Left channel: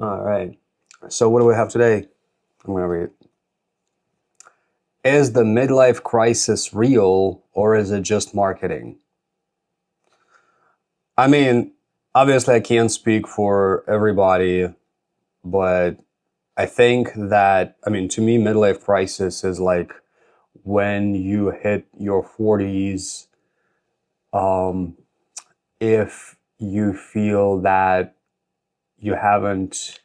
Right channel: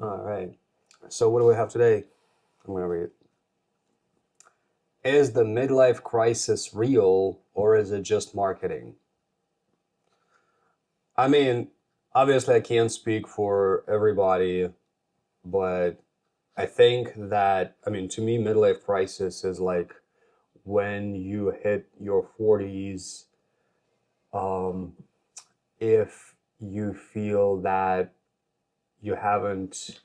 All right. So what do we have today? I'm going to read it. Is the midlife crisis real or is it just marketing? I mean, obviously I can't speak for everybody, but I think that, to me, midlife crisis is like when you hit your 40s, um, if you feel that you haven't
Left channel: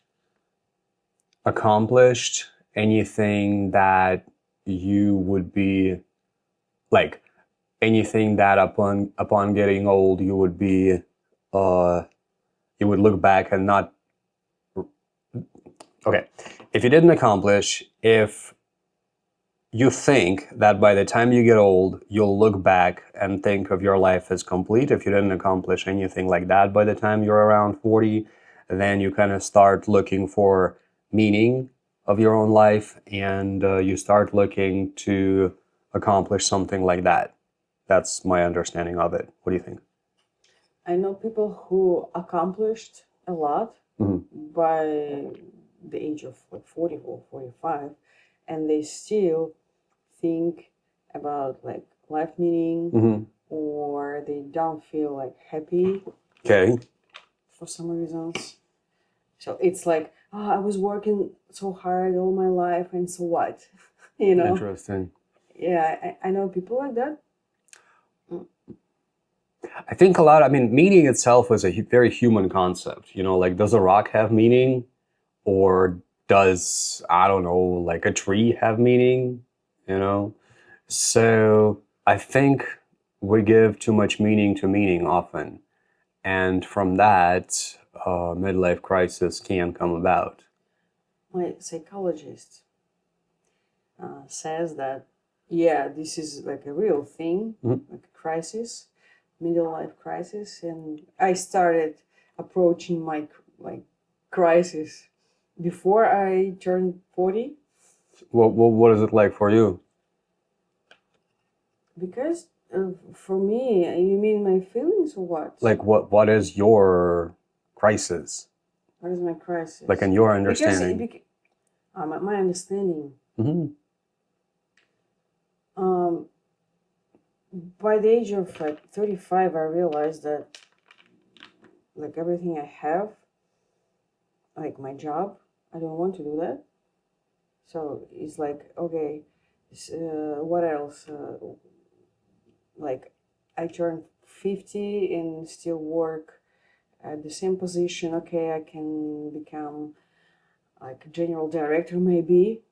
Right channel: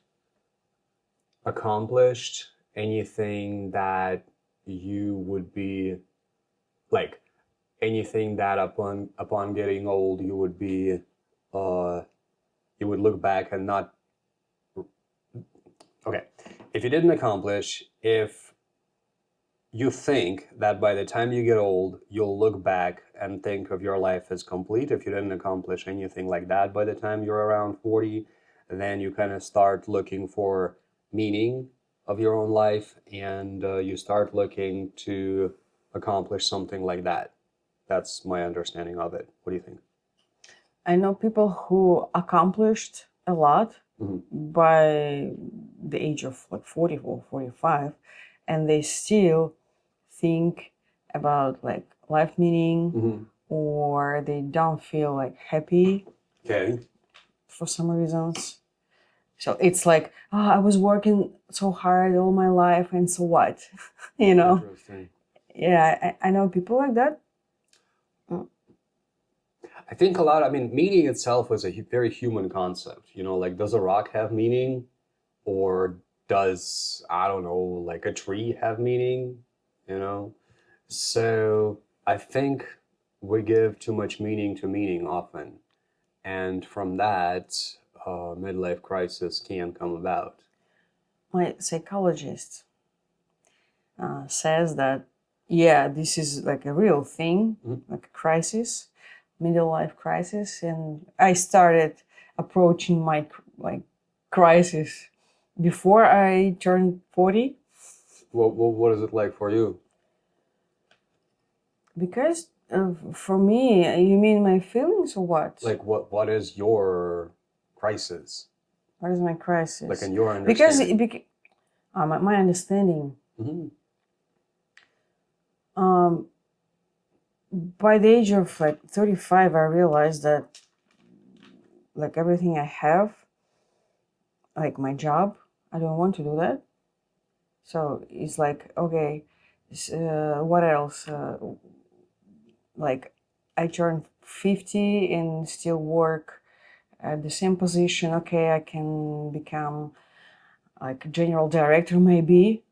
accomplished anything that you would be like anything that upon getting old you would be uh you would look back and not okay, if you didn't accomplish, if you think that by the time you get old you'll look back and think of your life as complete, if you didn't accomplish anything like that by the time you're around 40, then you kind of start looking for meaning of your own life, and you start looking to accomplish something like that. That's my understanding of it. What do you think? I know people who accomplished a lot Hmm. by the age of like 40 or 45, and they still think about like life meaning, Hmm. or they don't feel like happy Okay. for some reasons. So it's like, oh, I was working so hard all my life, and so what? you know? Interesting. Yeah, I know people like that. I think a lot, meaning itself is a very human concept. Like, does a rock have meaning? Or does, I don't know, like a tree have meaning? You know? So I think we give too much meaning to meaning often. And from that, midlife crisis can come about. My psychologist says that, yeah, this is like a real thing, Mhm. like a crisis, middle life crisis. And I started approaching my like crisis before I turned 40, What is it like for you? because for me, you mean my feelings or what? Like, what is your crisis? What is my Like, crisis? in your Because, understanding? my understanding, Hmm. um, by the age of like 35, I realized that like everything I have, like my job, I don't want to do that. So it's like, okay, what else? Like I turned 50 and still work at the same position. Okay, I can become like a general director maybe,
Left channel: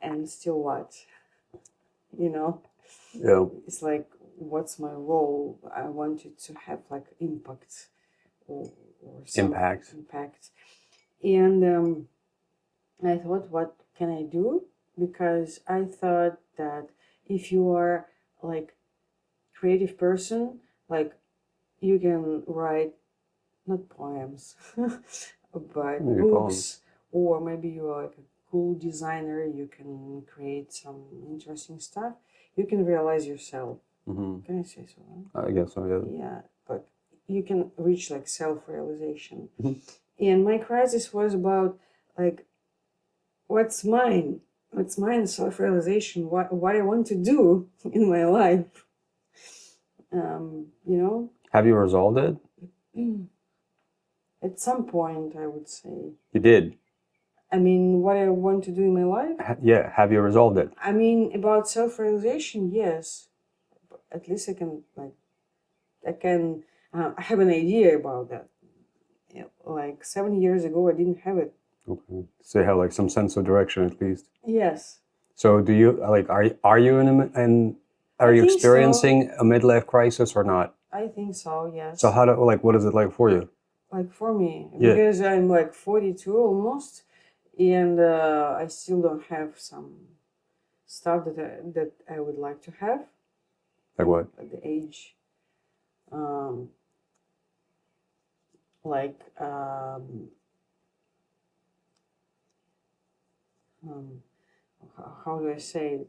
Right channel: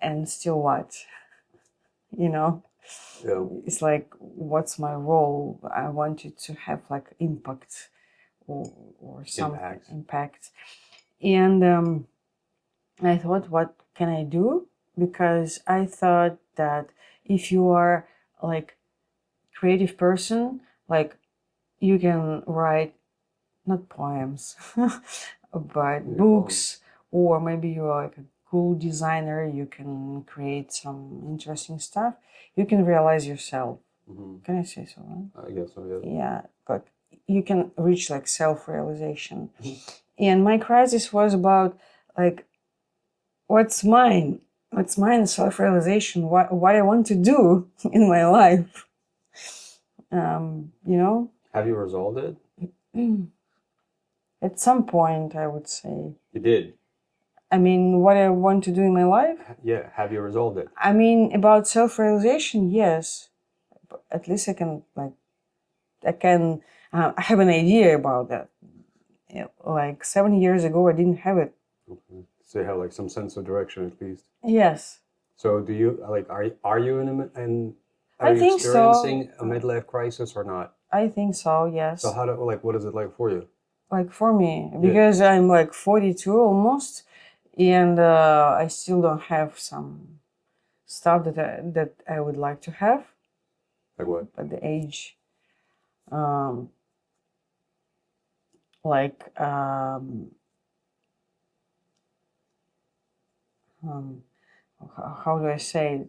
and still what? You know, Yeah. it's like, what's my role? I wanted to have like impact, or some Impact. impact. And I thought, what can I do? Because I thought that if you are like creative person, like you can write not poems, but Maybe poems. books, or maybe you are like a cool designer. You can create some interesting stuff. You can realize yourself. Hmm. Can I say so? Huh? I guess so, yeah. Yeah, but you can reach like self-realization. Mhm. And my crisis was about like, what's mine? What's mine? Self-realization. What I want to do in my life. You know, Have you resolved it? at some point, I would say. You did. I mean, what I want to do in my life. Yeah. Have you resolved it? I mean, about self-realization, yes. But at least I can like, I can. I have an idea about that. Yeah, like 7 years ago, I didn't have it. Okay. So you have like some sense of direction at least. Yes, So do you like are you are I you think so. experiencing a midlife crisis or not? I think so. So Yes. how do like what is it like for you? Like for me, Yeah. because I'm like 42 almost, and I still don't have some stuff that I would like to have Like what? at the age, um, like um, how do I say it?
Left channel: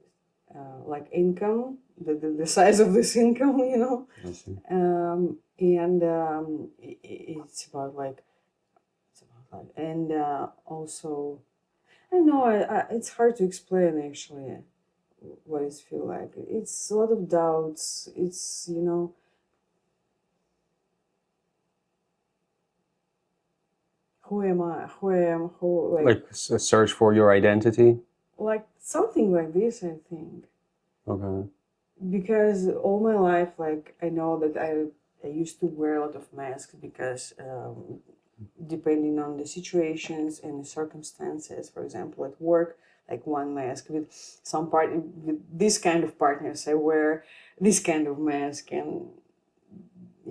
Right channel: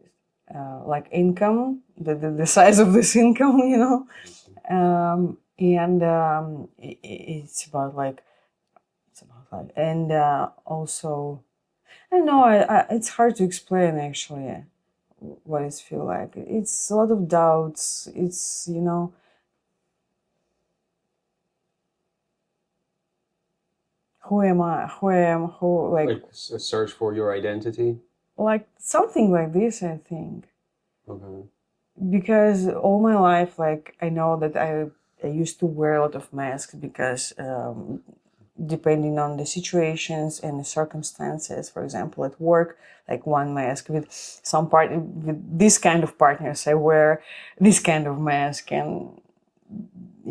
Like income, the size of this income, Okay. and it's about like It's about life. And also, I know it's hard to explain actually what it feel like. It's a lot of doubts. It's, who am I? Who I am? Who, Like a search for your identity. like something like this, I think. Okay. Because all my life, like, I know that I used to wear a lot of masks because depending on the situations and the circumstances, for example, at work, like one mask with with this kind of partners, I wear this kind of mask, and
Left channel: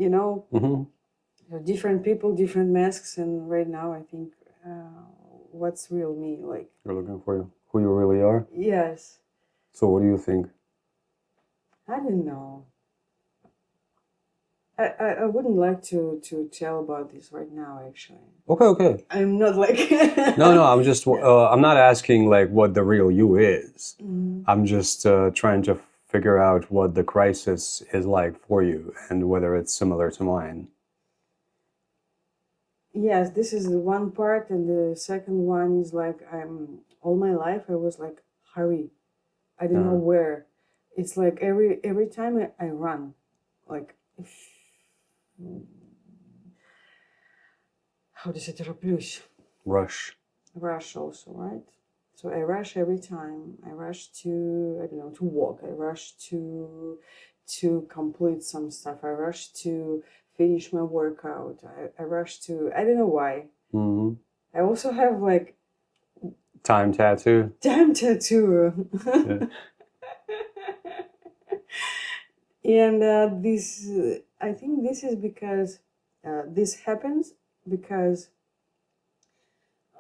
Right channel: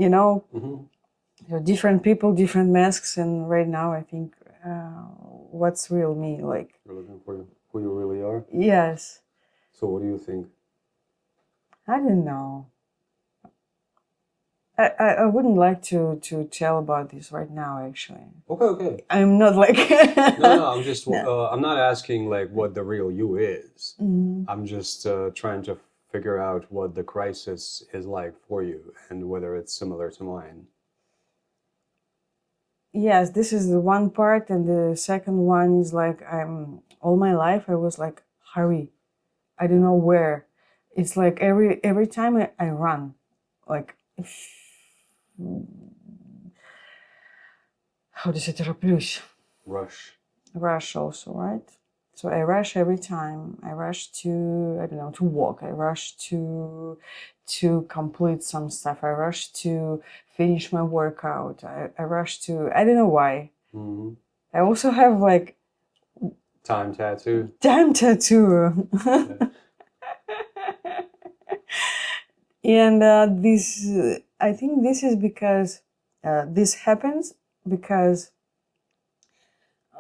you know, Mm-hmm. different people, different masks, and right now I think what's real me, like, You're looking for who you really are. yes, So what do you think? I don't know. I wouldn't like to tell about this right now, actually. Okay, okay. I'm not like. No, I'm just No. I'm not asking like what the real you is. Mhm. I'm just trying to figure out what the crisis is like for you and whether it's similar to mine. Yes, this is the one part, and the second one is like, I'm all my life I was like, hurry, I don't know Yeah. where. It's like every time I run, like, how does it тороплюсь? Rush. Rush also, right? So I rush every time. I rush to, I don't know, to walk. I rush to complete some stuff. I rush to finish my workout. I rush to, I don't know why. Mm-hmm. I also have like Time tattoo. time tattoo. Yeah. And this, I think this is because this happens because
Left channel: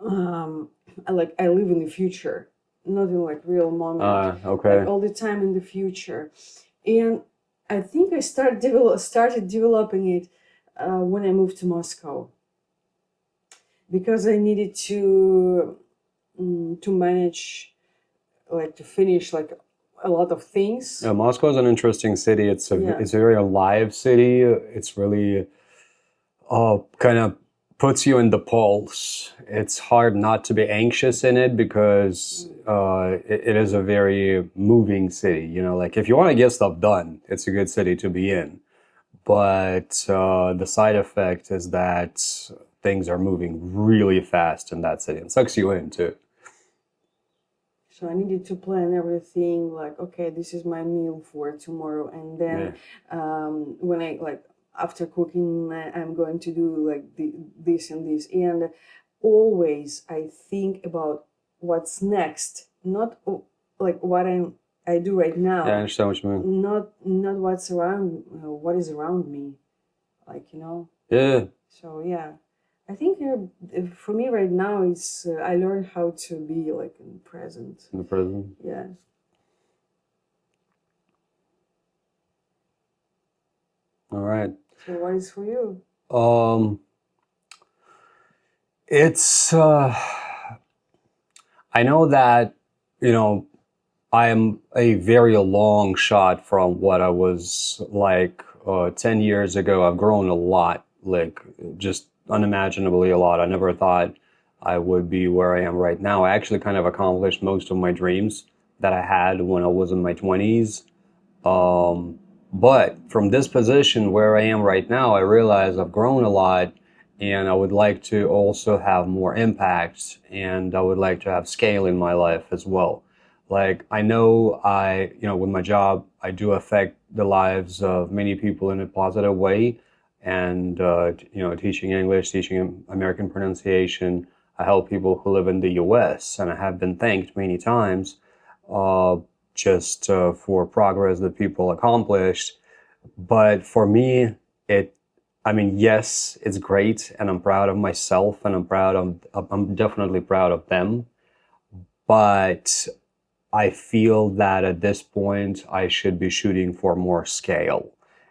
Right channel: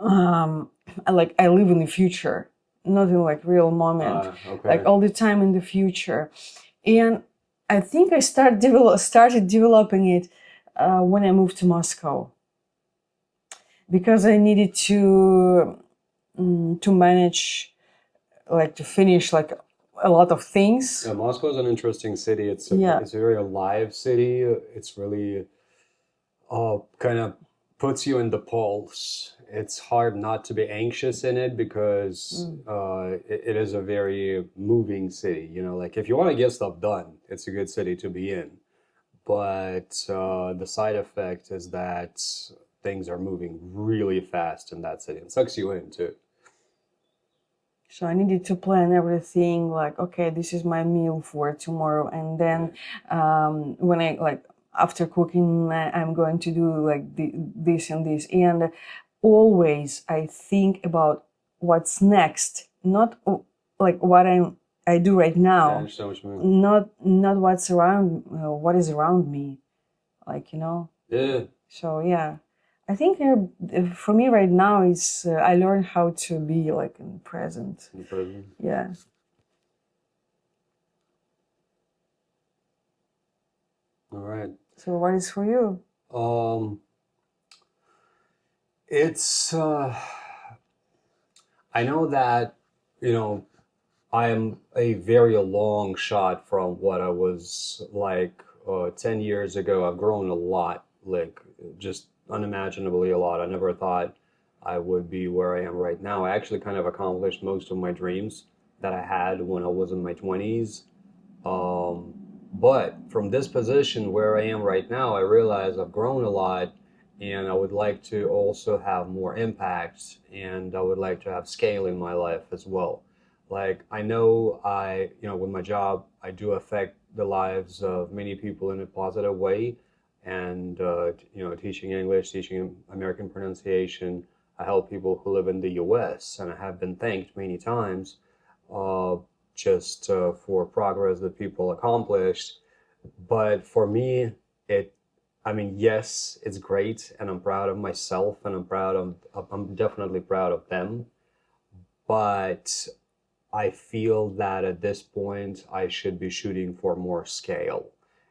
I live in the future, not in like real moment, like Okay. all the time in the future. And I think I started developing it when I moved to Moscow, because I needed to manage, like, to finish like a lot of things. Yeah, Moscow is an interesting city. Yeah. It's a very alive city. It's really kind of puts you in the pulse. It's hard not to be anxious in it because it is a very moving city. You know, like if you want to get stuff done, it's a good city to be in. But the side effect is that things are moving really fast in that city and sucks you in too. So I needed to plan everything, like, okay, this is my meal for tomorrow. And then when I, like, after cooking, I'm going to do like this and this. And always I think about what's next, not like what I do right Yeah, I now, understand what you mean. not what's around, what is around me, like, Yeah. So yeah, I think for me right now is I learned how to be like in present. In the prison. Yeah. All right. So what is for you? Um, it's I know that you know I am a very long shot from what I was like 10 years ago. I've grown a lot, like just unimaginably a lot. I never thought I would be where I am right now. I actually kind of accomplished most of my dreams that I had when I was in my 20s. Um, but from this position where I am right now, I realize I've grown a lot and I would like to also have more impact and I would like to have scale in my life as well. Like I know with my job, I do affect the lives of many people in a positive way. And, teaching English, teaching American pronunciation, I help people who live in the US and I have been thanked many times. Uh, just for progress that people accomplished. But for me, it, I mean, yes, it's great, and I'm proud of myself, and I'm definitely proud of them. But I feel that at this point, I should be shooting for more scale,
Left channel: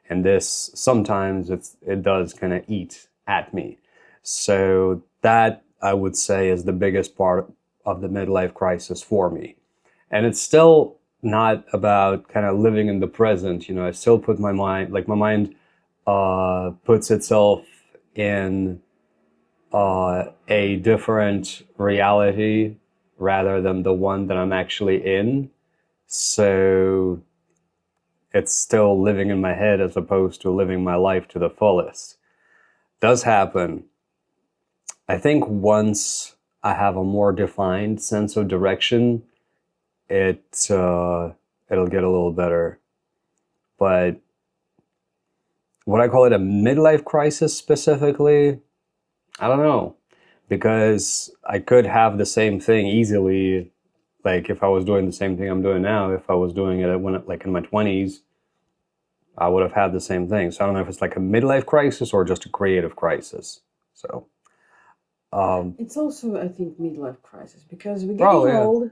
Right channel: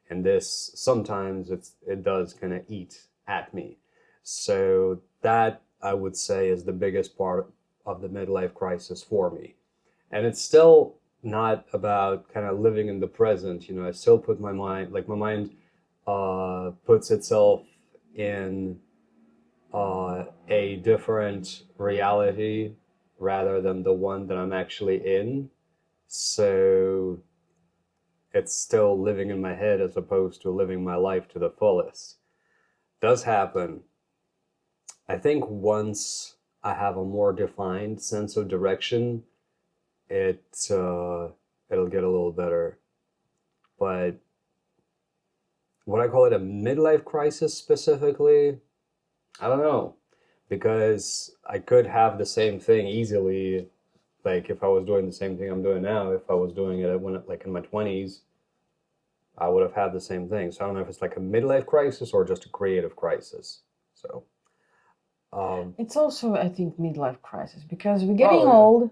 and this sometimes it does kind of eat at me. So that I would say is the biggest part of the midlife crisis for me. And it's still not about kind of living in the present. I still put my mind, like my mind puts itself in a different reality rather than the one that I'm actually in. So it's still living in my head as opposed to living my life to the fullest. Does happen. I think once I have a more defined sense of direction, it'll get a little better. But would I call it a midlife crisis specifically? I don't know, because I could have the same thing easily, like if I was doing the same thing I'm doing now. If I was doing it when, like in my 20s, I would have had the same thing. So I don't know if it's like a midlife crisis or just a creative crisis. So It's also, I think, midlife crisis because we're getting yeah. old.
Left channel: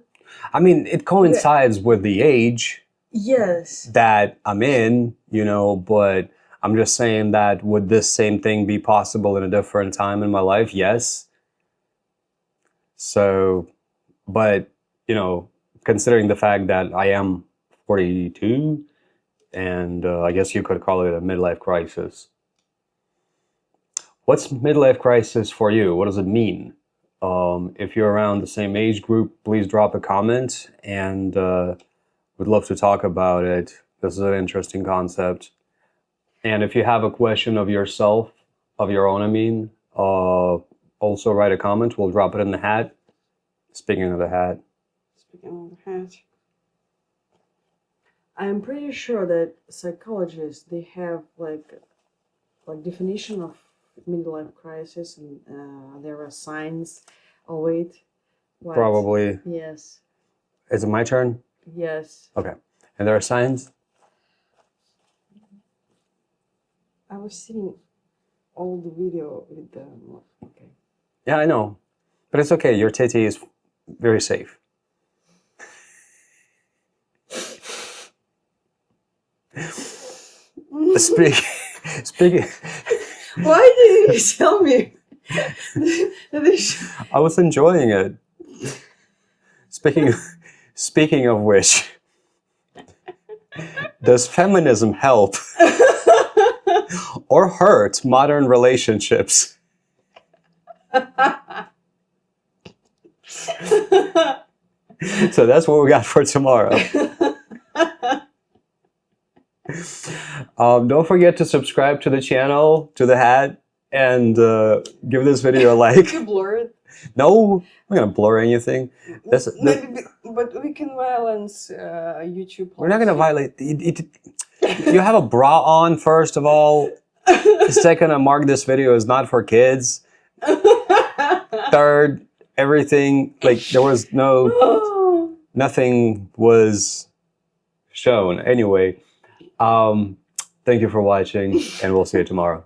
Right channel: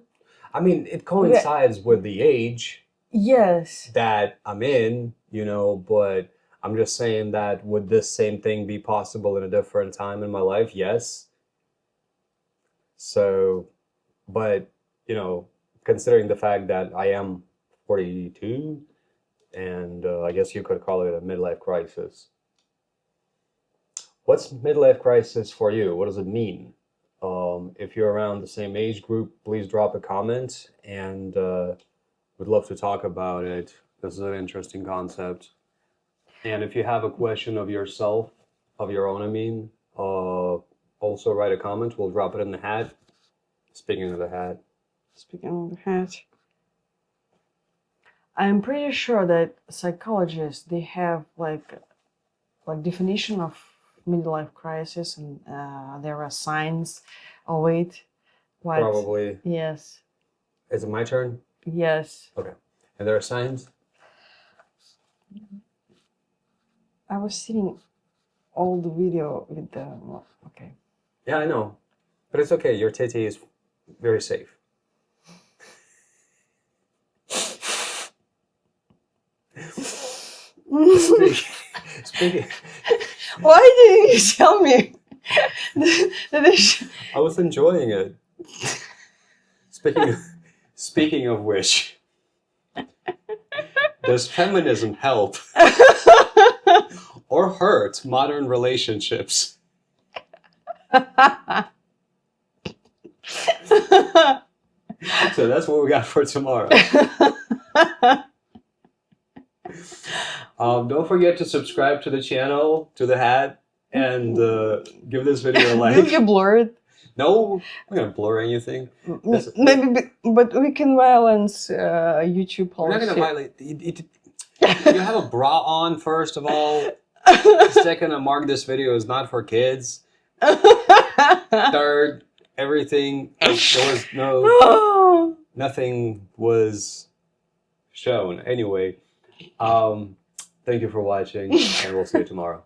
I mean, it coincides with the age Yes. that I'm in, but I'm just saying that would this same thing be possible in a different time in my life? Yes. So, but, considering the fact that I am 42, and I guess you could call it a midlife crisis. What's midlife crisis for you? What does it mean? If you're around the same age group, please drop a comment, and we'd love to talk about it. This is an interesting concept. And if you have a question of yourself, of your own, also write a comment. We'll drop it in the hat. Speaking of the hat. I'm pretty sure that psychologists, they have like definition of midlife crisis, and there are signs. Oh wait, what? Probably. Yes. Is it my turn? Yes. Okay. And there are signs? I was seeing all the video with the. Okay. Yeah, I know. But it's okay. Your titty is very safe. Speaking. Why didn't you tell me? I was enjoying it. Speaking of which, does feminism help or hurt modern relationships? So that's what we got for tomorrow. Don't forget to subscribe to the channel, to the hat, and give this video a like. Did you blur it? No, I'm not gonna blur anything. Maybe, but we can violence YouTube policy. We're not gonna violate. You have a bra on, first of all. Second, mark this video is not for kids. Third, everything, like there was nothing was shown. Anyway, thank you for watching, and we'll see you tomorrow.